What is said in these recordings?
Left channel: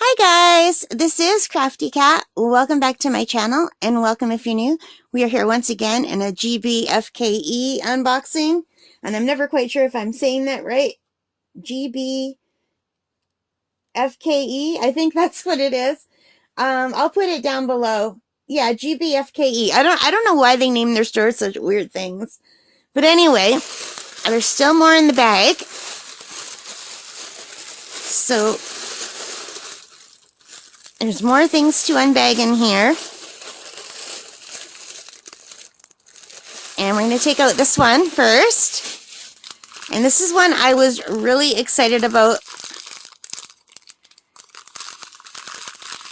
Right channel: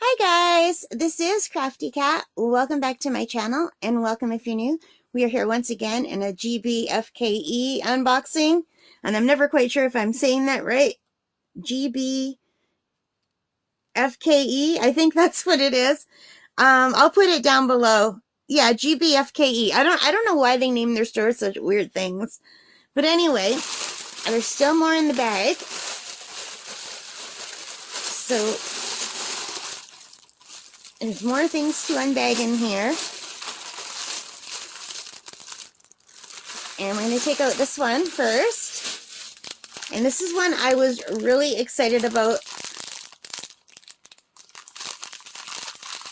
Hi guys, this is Crafty Cat. Welcome back to my channel and welcome if you're new. We are here once again in a GBFKE unboxing, and I'm never quite sure if I'm saying that right. GBFKE, I think that's what it is. I'll put it down below. Yeah, GBFKE. I don't know why they name their stores such weird things. But anyway, there's still more in the bag. So there's more things to unbag in here. And we're going to take out this one first. And this is one I was really excited about.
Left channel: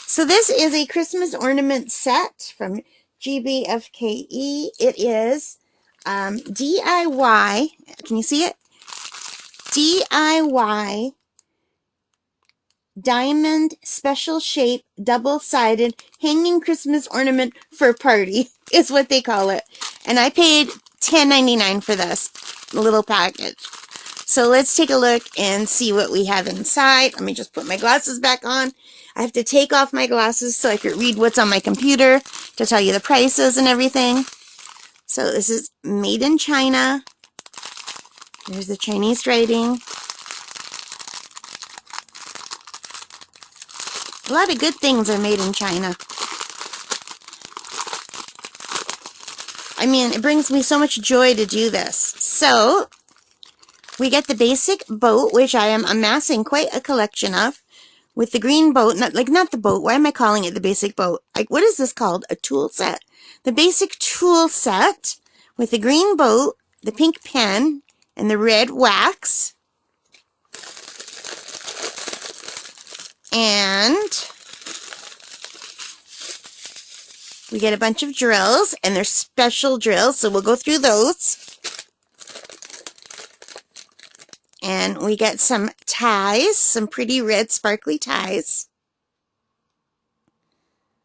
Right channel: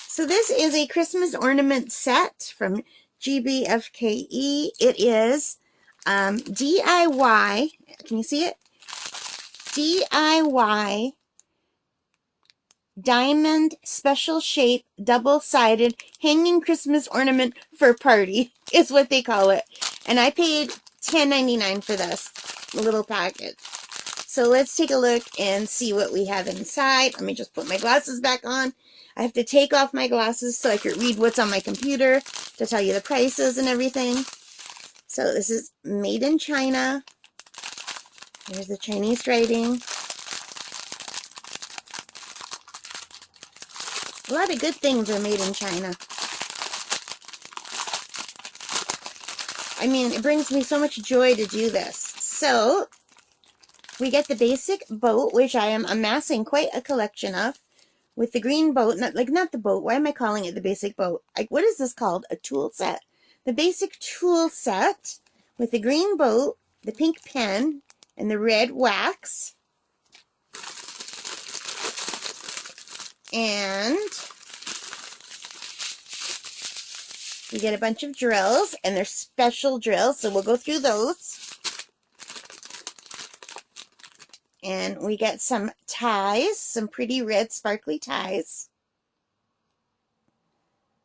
So this is a Christmas ornament set from GBFKE. It is DIY. Can you see it? DIY diamond special shape double-sided hanging Christmas ornament for party is what they call it. And I paid $10.99 for this little package. So let's take a look and see what we have inside. Let me just put my glasses back on. I have to take off my glasses so I could read what's on my computer to tell you the prices and everything. So this is made in China. Here's the Chinese writing. A lot of good things are made in China. I mean, it brings me so much joy to do this. So, we get the basic boat, which I am amassing quite a collection of, with the green boat, not the boat, why am I calling it the basic boat? Like, what is this called? A tool set. The basic tool set with the green boat, the pink pen, and the red wax. And we get a bunch of drills, and they're special drills, so we'll go through those. And we get some ties, some pretty red sparkly ties.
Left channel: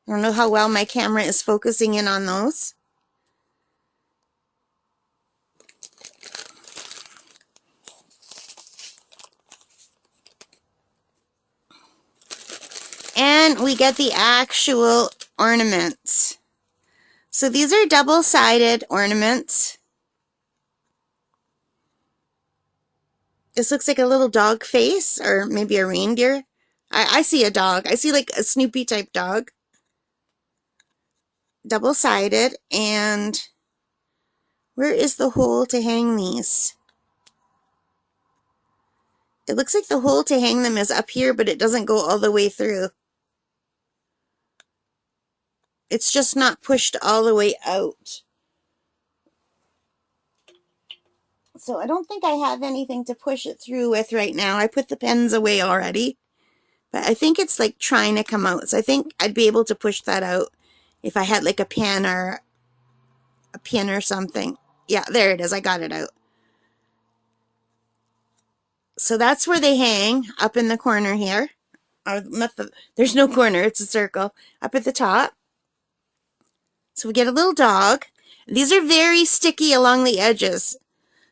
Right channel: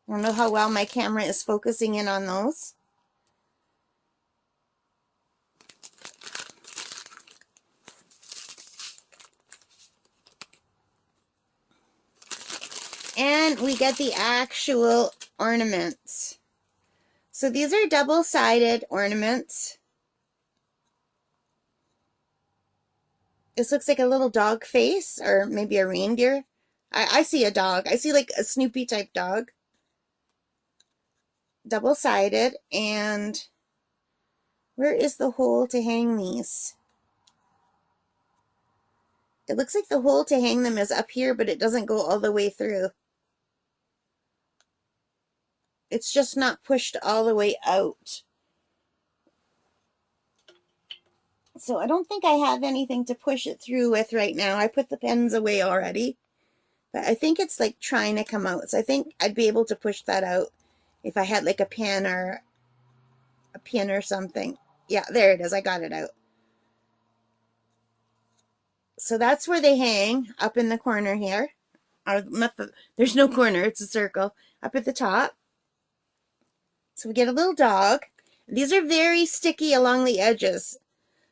I don't know how well my camera is focusing in on those. And we get the actual ornaments. So these are double-sided ornaments. This looks like a little dog face, or maybe a reindeer. I see a dog. I see like a Snoopy type dog. Double-sided, and where is the hole to hang these? It looks like the hole to hang them is up here, but it doesn't go all the way through. It's just not pushed all the way out. So I don't think I have anything to push it through with right now. I put the pens away already. But I think it's like trying to come out. So I think I'd be able to push that out if I had like a pin or something. Yeah, there it is. I got it out. So that's where they hang, up in the corner here. There's no corner. It's a circle. Up at the top. So we get a little dog. These are very sticky along the edges.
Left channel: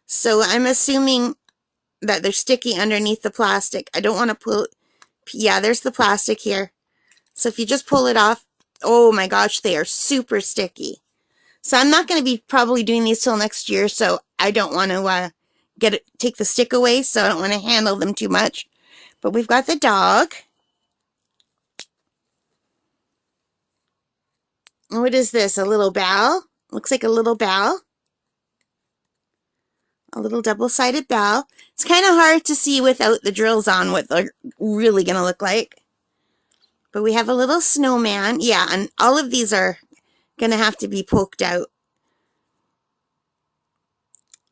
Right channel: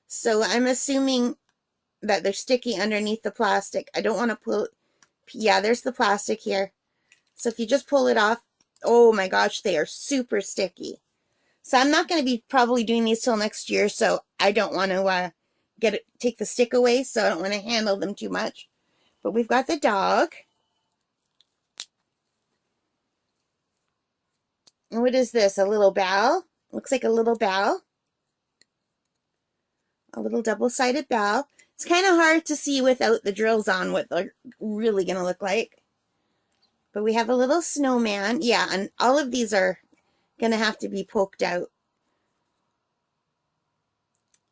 So I'm assuming that they're sticky underneath the plastic. I don't want to pull. Yeah, there's the plastic here. So if you just pull it off, oh my gosh, they are super sticky. So I'm not going to be probably doing these till next year, so I don't want to take the stick away, so I don't want to handle them too much. But we've got the dog. What is this? A little bell? Looks like a little bell. A little double-sided bell. It's kind of hard to see without the drills on what they're really going to look like. But we have a little snowman. Yeah, and all of these are going to have to be poked out.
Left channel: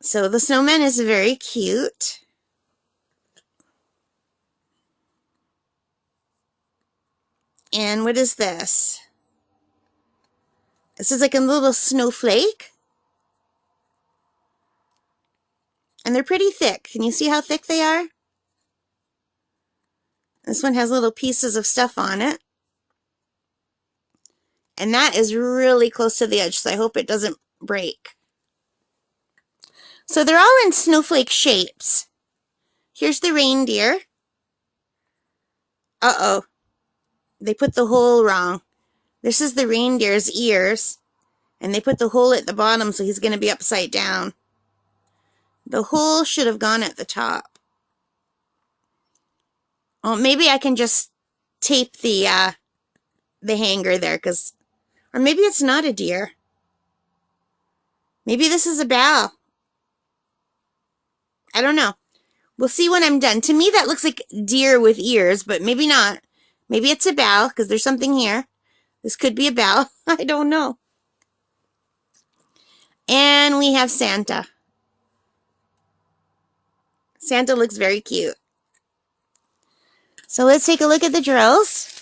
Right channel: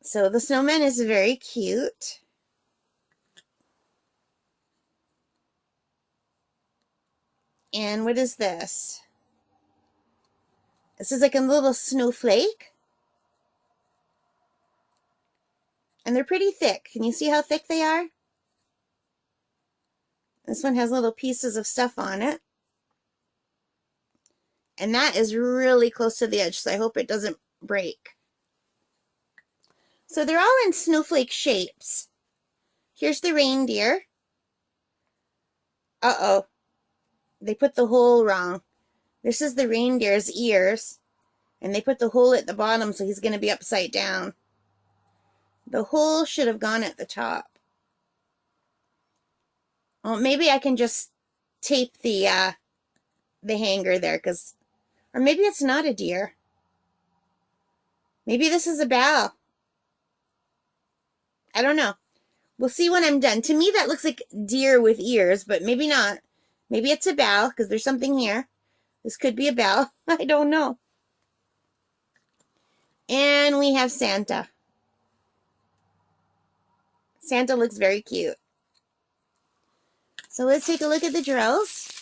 So the snowman is very cute. And what is this? This is like a little snowflake. And they're pretty thick. Can you see how thick they are? This one has little pieces of stuff on it. And that is really close to the edge, so I hope it doesn't break. So they're all in snowflake shapes. Here's the reindeer. Uh-oh. They put the hole wrong. This is the reindeer's ears, and they put the hole at the bottom, so he's going to be upside down. The hole should have gone at the top. Oh, maybe I can just tape the hanger there, or maybe it's not a deer. Maybe this is a bow. I don't know. We'll see when I'm done. To me, that looks like deer with ears, but maybe not. Maybe it's a bow, because there's something here. This could be a bow. I don't know. And we have Santa. Santa looks very cute. So let's take a look at the drills.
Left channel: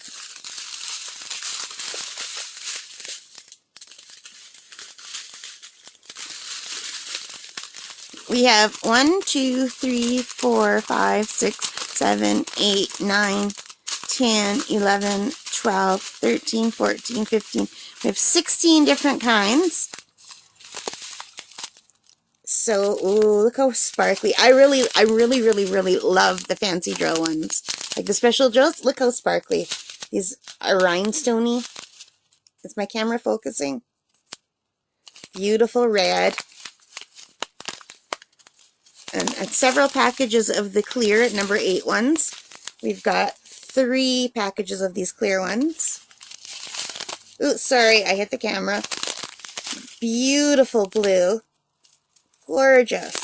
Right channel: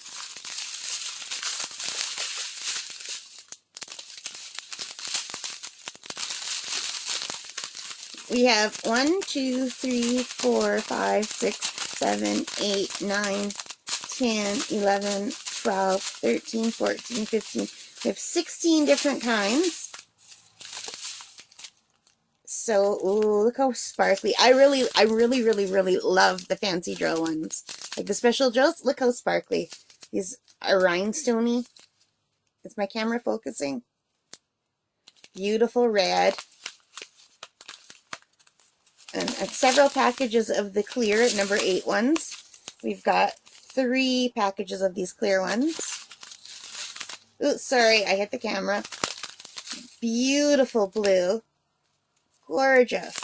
We have 1, 2, 3, 4, 5, 6, 7, 8, 9, 10, 11, 12, 13, 14, 15. We have 16 different kinds. So, ooh, look how sparkly. I really love the fancy drill ones. Like the special drills, look how sparkly. These are rhinestoney. Is my camera focusing? Beautiful red. And several packages of the clear number 8 ones. We've got 3 packages of these clear ones. Ooh, sorry, I hit the camera. Beautiful blue. Gorgeous.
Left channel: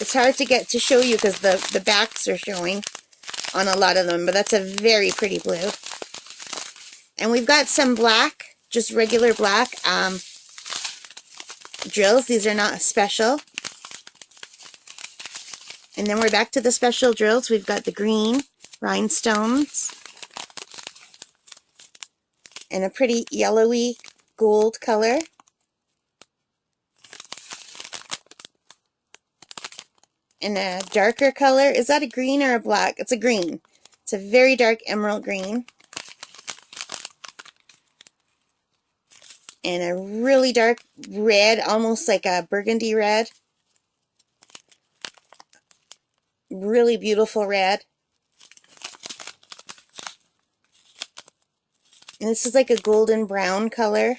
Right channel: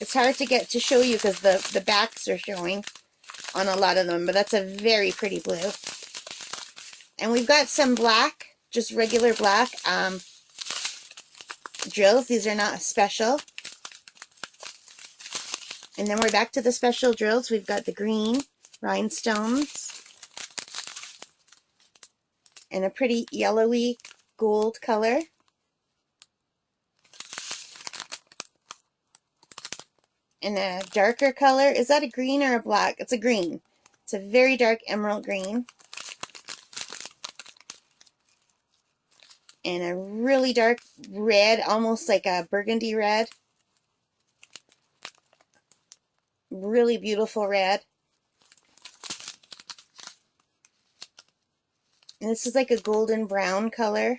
It's hard to get to show you because the backs are showing on a lot of them, but that's a very pretty blue. And we've got some black, just regular black drills. These are not special. And then we're back to the special drills. We've got the green rhinestones and a pretty yellowy gold color. And a darker color. Is that a green or a black? It's a green. It's a very dark emerald green. And a really dark red, almost like a burgundy red. Really beautiful red. And this is like a golden brown color.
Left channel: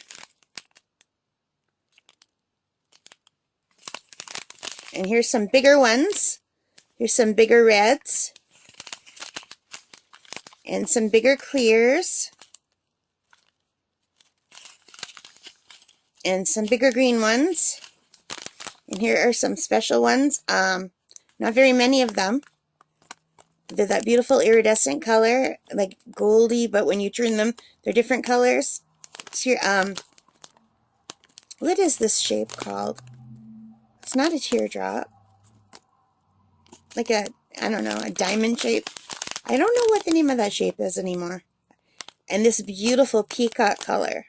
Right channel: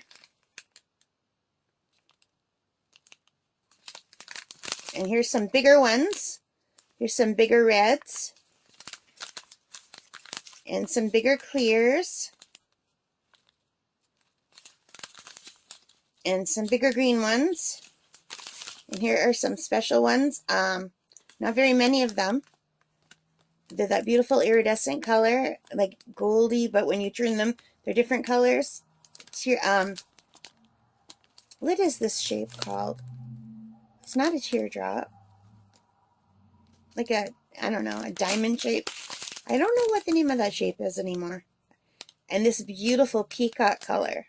And here's some bigger ones. Here's some bigger reds. And some bigger clears. And some bigger green ones. And here are some special ones. Not very many of them. They're that beautiful iridescent color, like goldy, but when you turn them, they're different colors. It's here, what is this shape called? It's not a teardrop. Like a, I don't know, a diamond shape. I don't know what the name of that shape is anymore. And this beautiful peacock color.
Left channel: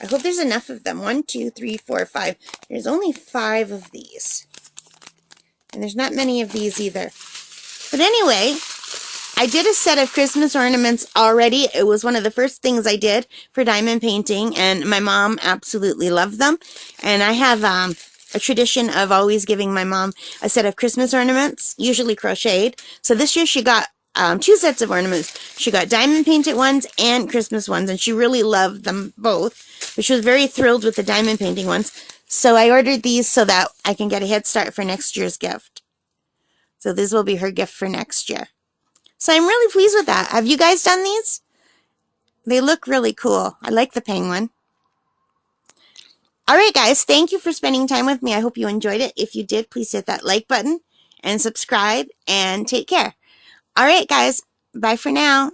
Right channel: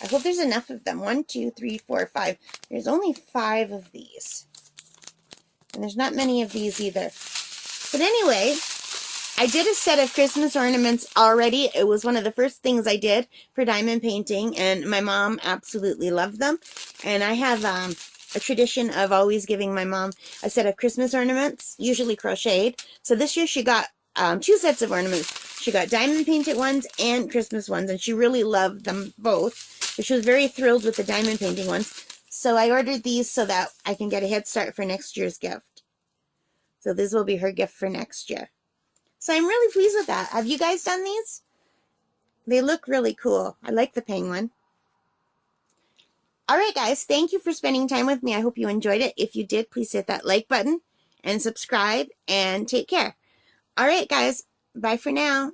I hope there's enough of them. 1, 2, 3, 4, 5. There's only 5 of these. And there's not many of these either. But anyway, I did a set of Christmas ornaments already. It was one of the first things I did for diamond painting, and my mom absolutely loved them. And I have a tradition of always giving my mom a set of Christmas ornaments, usually crocheted. So this year she got 2 sets of ornaments. She got diamond painted ones and Christmas ones, and she really loved them both. But she was very thrilled with the diamond painting ones. So I ordered these so that I can get a head start for next year's gift. So this will be her gift for next year. So I'm really pleased with that. Have you guys done these? They look really cool. I like the penguin. All right, guys. Thank you for spending time with me. I hope you enjoyed it. If you did, please hit that like button and subscribe and take care. All right, guys. Bye for now.